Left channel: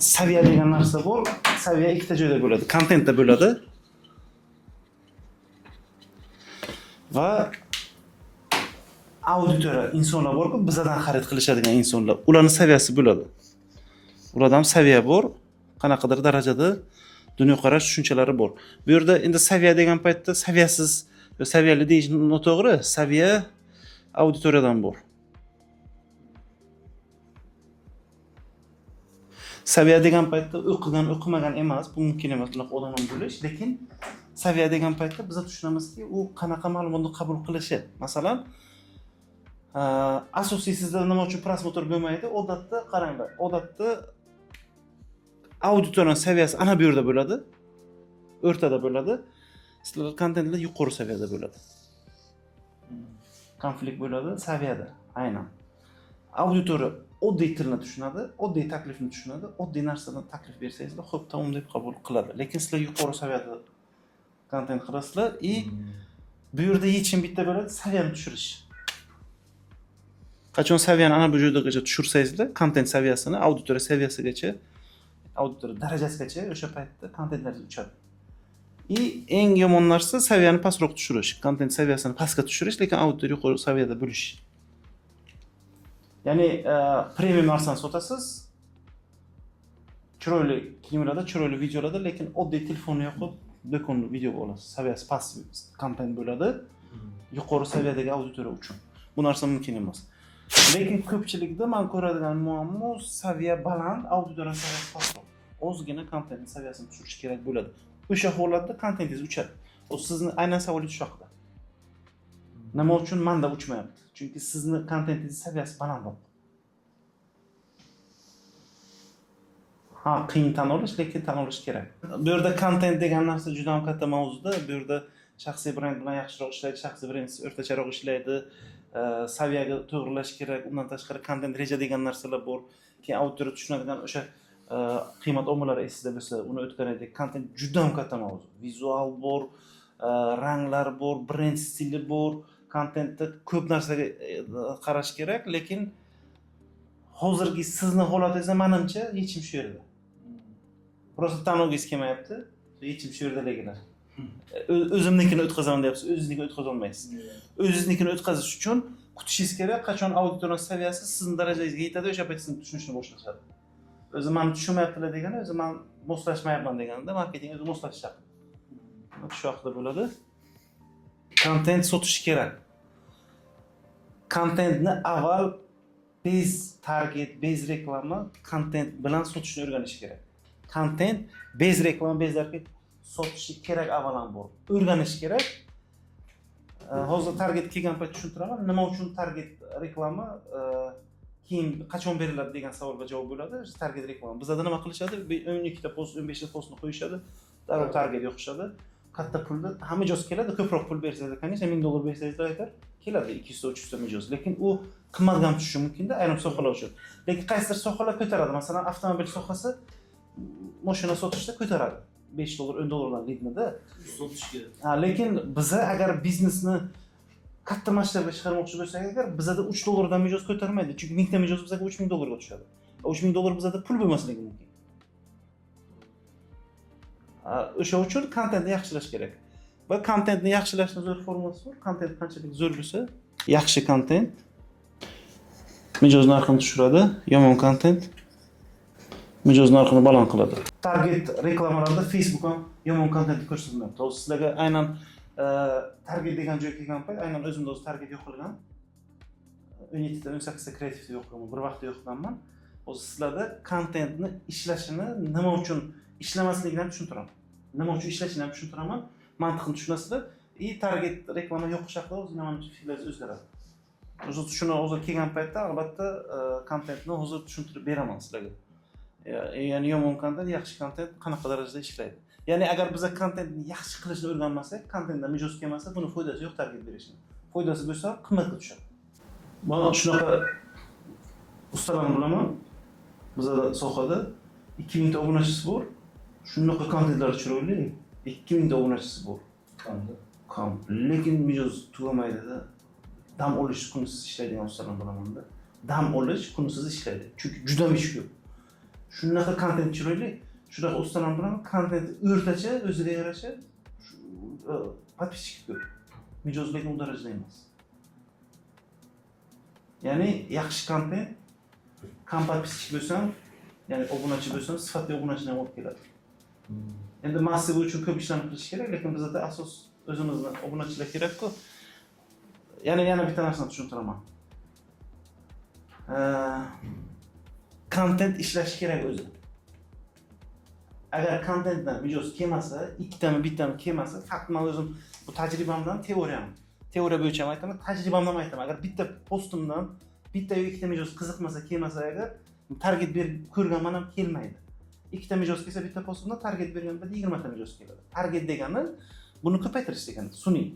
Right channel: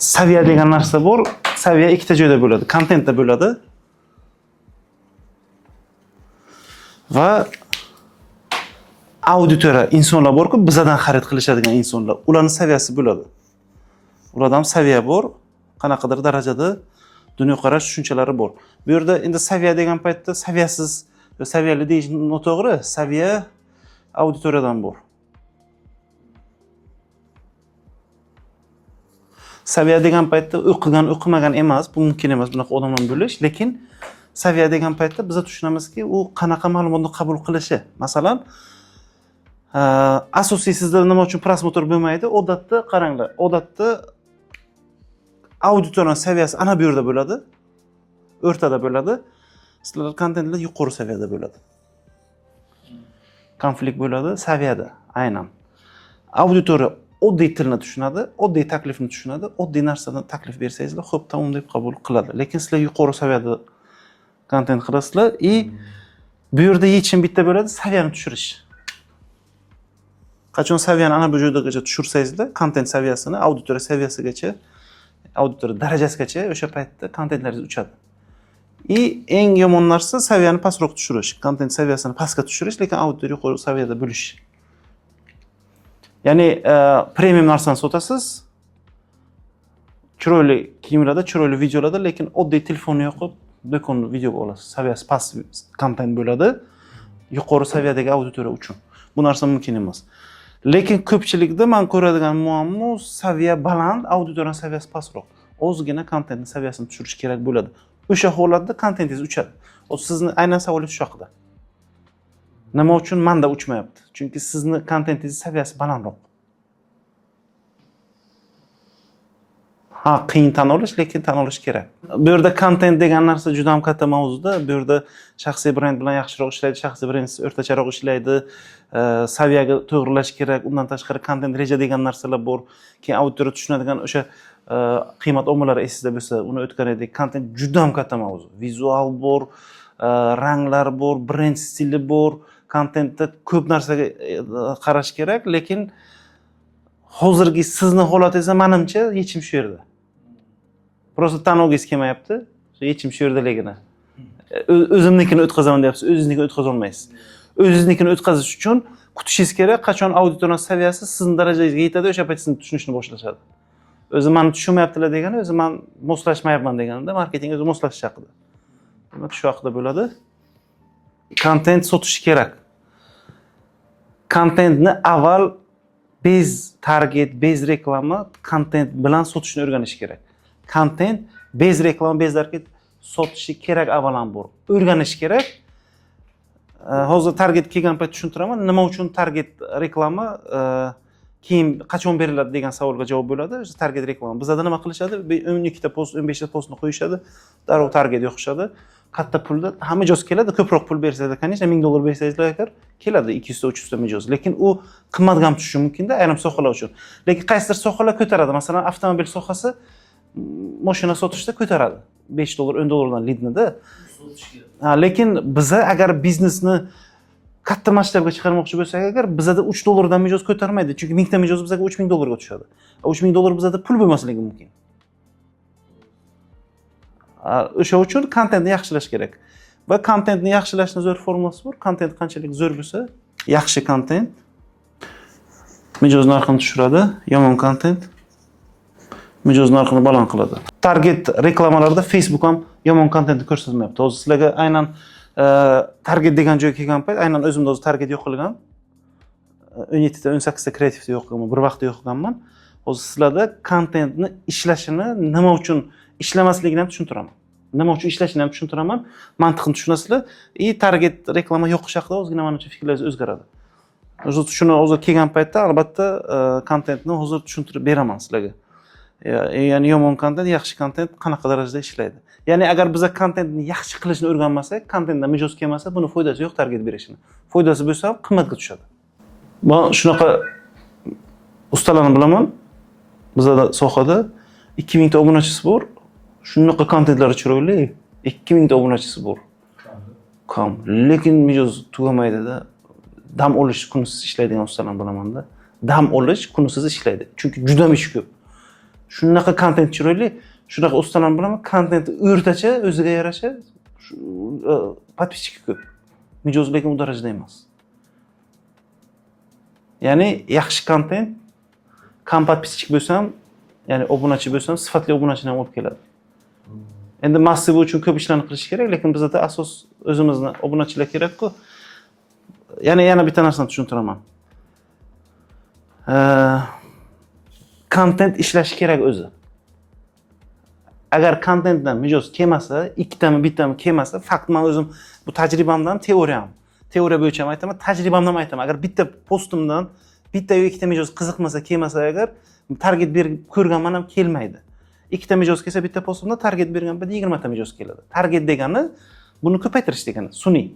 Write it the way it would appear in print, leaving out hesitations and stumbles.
Saviya degan narsa bor. Saviya ikkita joyda bo'ladi. Kontentda bo'ladi. Va auditoriya insonlar borku, bizdan xarid qilishadigan insonlar. Ularning saviyasi bo'ladi. Ularda ham saviya bor. Qanaqadir darajada dunyoqarash tushunchalari bor. Bu yerda endi saviya degan paytda saviyasiz, saviyali deyish noto'g'ri. Saviya auditoriyadan bor. Saviya degan paytda o'qigan, o'qimagan emas, bu mumkin emas bunaqa odamlar bo'lish, lekin saviya degan paytda biz tushunamizki, u qanaqa ma'lumotni qabul qilishi. Masalan, asosiy sizda nima uchun prosmotr bo'lmaydi? Odatda qaranglar, odatda auditoriya saviyasi ana bu yerda bo'ladi, o'rtada bo'ladi. Sizlar kontentlar yuqori saviyada bo'ladi. Konflikt bo'ladi saviyada, aynan. Auditoriya oddiy tilni tushunadi, oddiy taklifni tushunadi, oddiy narsani taklif bersangizlar, xo'p, tamom deb qabul qiladi. Lekin sizlar yuqori saviyada kontent qilasizlar bu yerda yechim bitta bo'ladi, saviyani tushirish. Qachon saviyani ana bu joydagacha tushirsangizlar, kontent saviyasini auditoriya saviyasigacha, auditoriya darajasigacha o'sha paytda kontentlaringiz uchadi. Eng yomon narsa saviyani pastroq tushirish, kontent saviyasini pastga tushirish, lekin auditoriya yuqori saviyada bo'lish. Ya'ni premium narsani sotasiz, chiroyli kiyimlarda, chiroyli videolarda, lekin oddiy telefonni yoqib, do'konni videoga olasiz. Saviyasi past kontent bo'ladi, yuqori saviyadagi auditoriya uchun. Bu narsa mumkin emas. Lekin ko'pchilikda men ko'radigan muammo saviya baland, auditoriya saviyasi pastroq. Ozgina kontentning saviyasini tushirish kerak bo'ladi. O'sha holatda kontentingiz uchadi. Sizni aynan savolingiz shu haqida. Nima uchun menda uchmayapti? Chunki sizni kontentingiz saviyasi balandroq. Qiyin tan olish, lekin tan olish kerak. Bu yerda kontent degan narsa juda ham katta mavzuda. Bu yerda shaxsiy brend bilan yaxshiroq ishlaydi, shaxsiy brend o'rtacharoq ishlaydi, saviyaga to'g'rilash kerak. Undan tashqari kontent reja degan narsalar bor. Keyin auditoriya tushunadigan o'sha qiymat omillari esingizda bo'lsa, uni o'tgan edik. Kontent juda ham katta mavzu. Vizual bor, ranglar bor, brend stili bor. Kontentda ko'p narsaga qarash kerak, lekin hozirgi sizni holatingizda menimcha yechim shu yerda. Prosta tanlovgingiz kelmayapti. Yechim shu yerdaligina. O'zimnikini o'tkazaman deyapsiz, o'zingiznikini o'tkaza olmaysiz. O'zingiznikini o'tkazish uchun kutishingiz kerak, qachon auditoriya saviyasi sizning darajangizga yetadi, o'sha payt sizni tushunishni boshlashadi. O'zi meni tushunmayaptilar degani, o'zi men moslashmayapman deganida, marketing o'zi moslashish haqida. Demak, shu haqida bo'ladi. Kontent sotish kerak. Kontentni avval bez target, bez reklama kontent bilan sotishni o'rganish kerak. Kontent, bez reklama, bez target sotishi kerak avvalambor. O'rganish kerak. Hozir target kelgan payt tushuntiraman, nima uchun target reklama keyin qachon beriladi degan savolga javob bo'ladi. Target reklama. Bizda nima qilishadi? 12 ta post, 15 ta postni qo'yishadi, darrov target yoqishadi. Katta pulda hamma mijoz keladi, ko'proq pul bersangizlar, конечно, $1000 bersangizlar agar keladi 200 ta 300 ta mijoz. Lekin u qimmatga ham tushishi mumkin-da ayrim sohalar uchun. Lekin qaysidir sohalar ko'taradi. Masalan, avtomobil sohasi mashina sotishda ko'taradi. $5, $10 dan lidni-da. Sotish kerak. Lekin biza agar biznesni katta masshtabga chiqarmoqchi bo'lsak, agar bizada $3 dan mijoz ko'tarmaydi. Chunki 1000 ta mijoz bizga $3000 ga tushadi. $3000 bizada pul bo'lmasligi mumkin. O'sha uchun kontentni yaxshilash kerak. Va kontentni yaxshilashning zo'r formulasi bor. Kontent qanchalik zo'r bo'lsa, yaxshi kontent mijoz narxini tushiradi, yomon kontent mijoz narxini baland qiladi. Target reklamalarda Facebook ham yomon kontentni ko'rsatmayapti. Hozir sizlarga aynan target degan joyga kelgan payt, aynan o'zimda o'zi target yo'q qilgan. 17 ta 18 ta kreativda yo'q qilgan, bir vaqtda yo'q qilganman. Hozir sizlarda kontentni ishlashini nima uchun ishlamasligini ham tushuntiraman. Nima uchun ishlashini ham tushuntiraman. Mantiqni tushunasizlar. Target reklama yo'qish haqida ozgina menimcha fikrlaringiz o'zgaradi. Shuni hozir kelgan paytda albatta kontentni hozir tushuntirib beraman sizlarga. Ya'ni yomon kontent, yaxshi kontent qanaqa darajada ishlaydi. Ya'ni agar biz kontentni yaxshi qilishni o'rganmasak, kontentdan mijoz kelmasa, buni foydasi yo'q target berishini. Foydasi bo'lsa ham qimmatga tushadi. Men shunaqa ustalarni bilaman. Bizda sohada 2000 ta obunachisi bor. Shunaqa kontentlari chiroyli. 2000 ta obunachisi bor. Kam. Lekin mijoz tugamaydi-da. Dam olish kunsiz ishlaydigan ustalarni bilaman-da. Dam olish kunsiz ishlaydi. Chunki juda ish ko'p. Shunaqa kontent chiroyli, shunaqa ustalar bilan kontent o'rtacha, o'ziga yarasha подписчики ko'p. Mijoz lekin u darajada emas. Ya'ni yaxshi kontent, kam подписчик bo'lsam, ya'ni obunachi bo'lsam, sifatli obunachini ham olib keladi. Endi massiv uchun ko'p ishlarni qilish kerak, lekin bizda asos o'zimizni obunachilar kerak-ku. Yana bitta narsani tushuntiraman. Kontent ishlash kerak o'zi. Agar kontentdan mijoz kelmasa, ikkitami, bittami kelmasa, faqat men o'zim bu tajribamdan teoriya bo'yicha ham aytaman, tajribamdan ham aytaman. Agar bitta postimdan bitta yo ikkita mijoz qiziqmasa, kelmasa agar target berib ko'rganman ham kelmaydi. Ikkita mijoz kelsa, bitta postimda target bergan 20 ta mijoz keladi. Target degani buni ko'paytirish degani, sun'iy.